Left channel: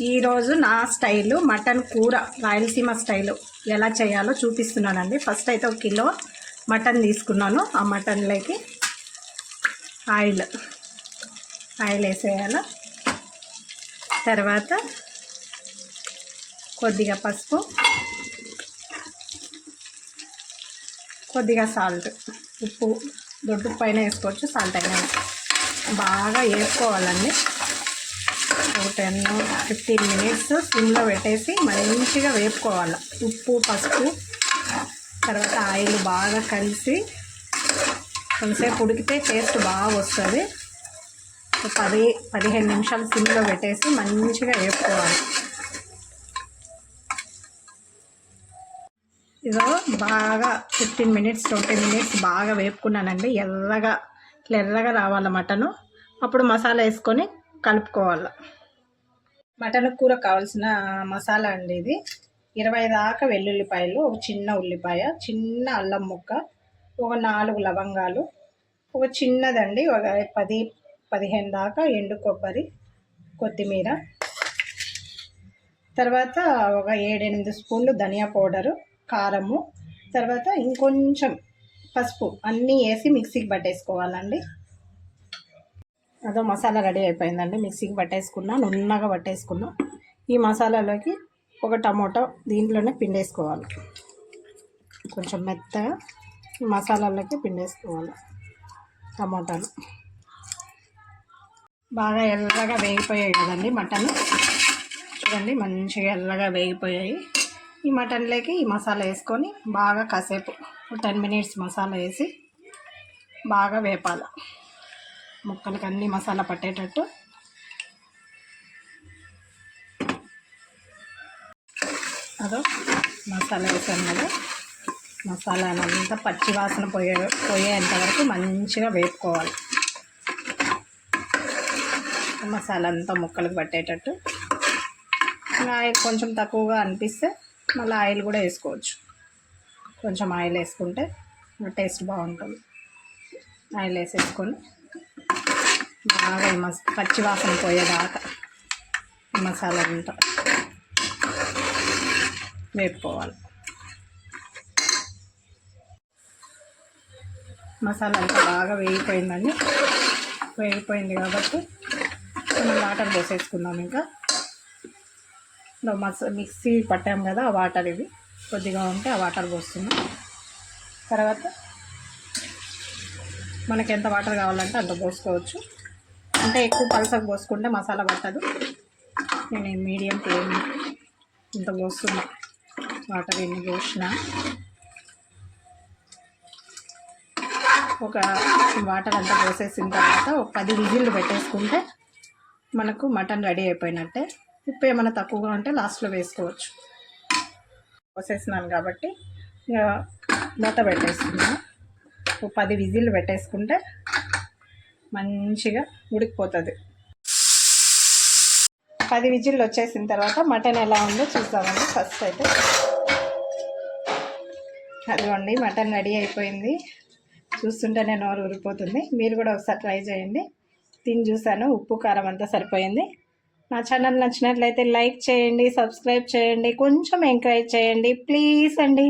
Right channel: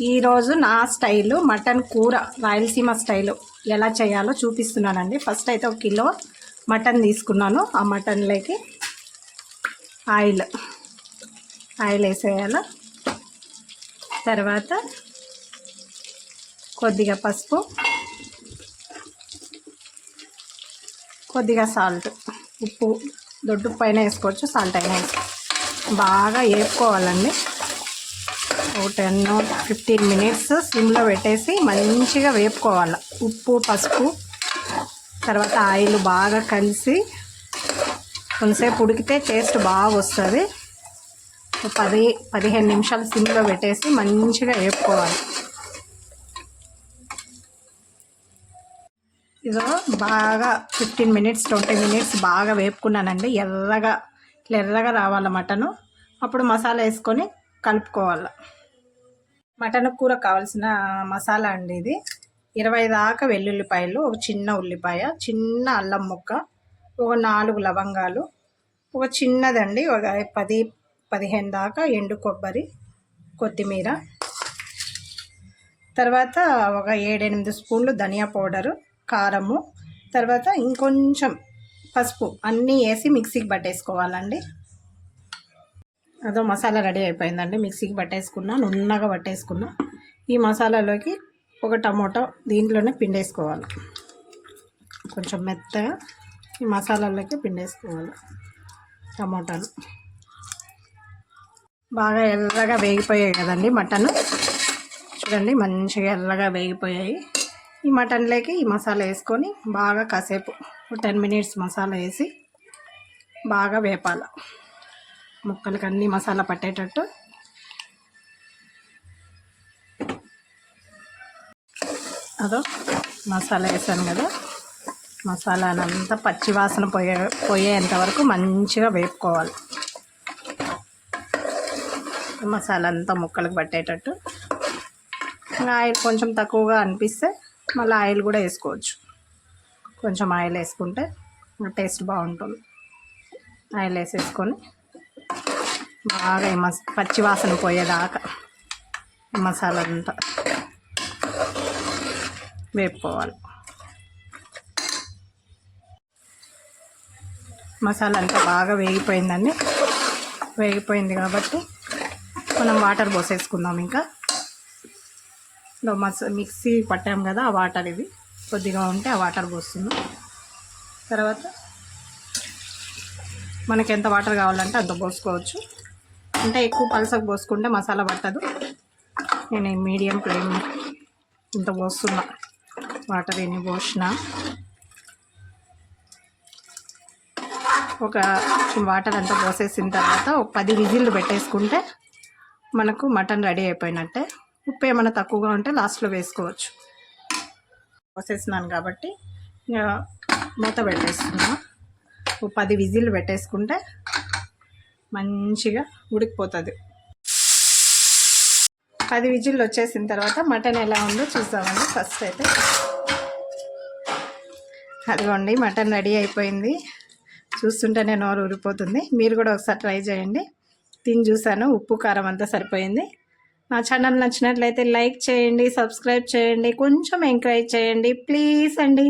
ఈరోజు నా style mutton కూర రాయలసీమ స్టైలు ఎలా చేయాలో చూపిస్తున్నానండి. ఫస్ట్ అయితే 1 కిలో మటన్ తీసుకున్నాను. ఆ మటన్లోకి ఆయిల్ వేసేయాలి. తర్వాత కొద్దిగా పసుపు, కొద్దిగా సాల్ట్, ఉప్పు దొడ్డు పైన వేసుకోవచ్చు, సాల్ట్ అయినా బాగా వేసుకోవాలండి. 10-15 మినిట్స్ సిమ్లో పెట్టేసి మంచిగా వేపుకోవాలి. ఉప్పు పసుపు తర్వాత ఆయిల్ బాగా కలిసి కొంతసేపు ఉడికితే టేస్ట్ బాగా వస్తుంది. 10-15 నిమిషాలు సిమ్లో పెట్టేసి మంచిగా వేపుకోవాలి. ఇదో బాగా 15 మినిట్స్ 20 మినిట్స్ బాగా వేపుకున్నానండి. ఎర్రగా రావాలి మటను. అప్పుడు మసాలా వేసుకొని కలుపుకోవాలి. మటన్ కూర కావాల్సిన మసాలా అండి ఇది. 20 దాకా వెల్లుల్లిపాయలు, ఒక చిన్న ఉల్లిపాయ, చిన్న అల్లం ముక్క, ఒక 4 లవంగాలు, ఒక చిన్నదండి ఒక 10-15 దాకా ఎండు కొబ్బరి, కొత్తిమీర, తర్వాత ఒక 7-8 స్పూన్లు ధనియా పౌడరు, కారము, తర్వాత ఇంకొంచెం పసుపు అన్నీ వేసి మిక్సీకి పట్టేసుకోవాలండి. అదో మసాలా రెడీ అయిపోయిందండి. మిక్సీకి పట్టేసుకున్నా, నున్నగా పట్టేసుకున్నా. ఈ మసాలాలోకి ఒక టమోటో దీంట్లోనే పిండేసుకోవాలి. కొంచెం మెత్తగా ఈ మసాలాలోకి పిండేసుకోవాలి. టమోటాలు బాగా ఎర్రగా వేగిపోయాయి కదండి మటన్. చూడండి మంచిగా ఎర్రగా వేగిపోయాయి. ఈ మటన్లోకి ఈ మసాలా వేసుకొని బాగా కాసేపు 10 మినిట్స్ మసాలా వేసి బాగా వేపాలి. ముక్కలకి అన్ని మసాలా పట్టేటట్టు. అదో మసాలా వేసాను కదా, మసాలానంతా పచ్చివాసన పోయేంత వరకు మంచిగా వేపుకోవాలి. మసాలా అంతా ముక్కలకు పట్టేటట్టు. ఆయిల్ కొంచెం తక్కువగా అనిపిస్తే మళ్ళీ ఆయిల్ కూడా వేసుకోవచ్చు. కొంచెం ఆయిల్ వేసుకుంటే టేస్ట్ బాగుంటుంది. ఆయిల్ వేసేసుకొని బాగా పచ్చివాసన పోయేదాకా మసాలా అంతా వేపుకోవాలి. మసాలా అంతా బాగా వేగిపోయిందండి. వేగిపోయింది కాబట్టి మనం వాటర్ పోసేసుకుందాం. ఇంకా మిక్సీ పట్టాం కదా, ఆ వాటర్ ఇవి కొద్దిగా ఉంటే ఆ వాటర్ పోస్తున్నాం. తర్వాత మనకి ఎంత వాటర్ కావాలంటే అంత పోసుకోవచ్చు. అంటే ఎక్కువ పలసగా పోసుకుంటే మసాలా పట్టదు. నేను మీడియం ఫ్లేమ్ ఇంత పోస్తున్నా. వాటర్ ఎన్ని పోసినా ఒక వాటర్ అంతా పోసేసిన తర్వాత ఒక 10 విజిల్లు పెట్టేసుకుంటే మనకు మటన్ రెడీ అయిపోయినట్టే. ఉప్పు ఏమైనా తక్కువగా ఉంటే లాస్ట్లో వేసుకోవచ్చు. పోసేసినాను కాబట్టి ఇంకా మూత పెట్టేస్తున్నాను. ఒక 10 విజిల్లు పెట్టేసుకుంటే మంచిగా ఉడికిపోతుంది. 10 విజిల్లు వచ్చేసిన తర్వాత మటన్ ఎలా ఉందో చూద్దామండి. ఫస్ట్ అయితే అదిగోండి మటన్ రెడీ అయిపోయింది. చూస్తుంటేనే నోరు ఊరిపోతుంది. మీరు కూడా ఒకసారి ట్రై చేయండి. తిని చూసాను, ఉప్పు కారం అంతా సరిపోయింది. నా ఛానల్ నచ్చినట్లయితే లైక్ చేయండి, సబ్స్క్రైబ్ చేయండి, కొంచెం ఎంకరేజ్ చేయండి ప్లీజ్ అండి.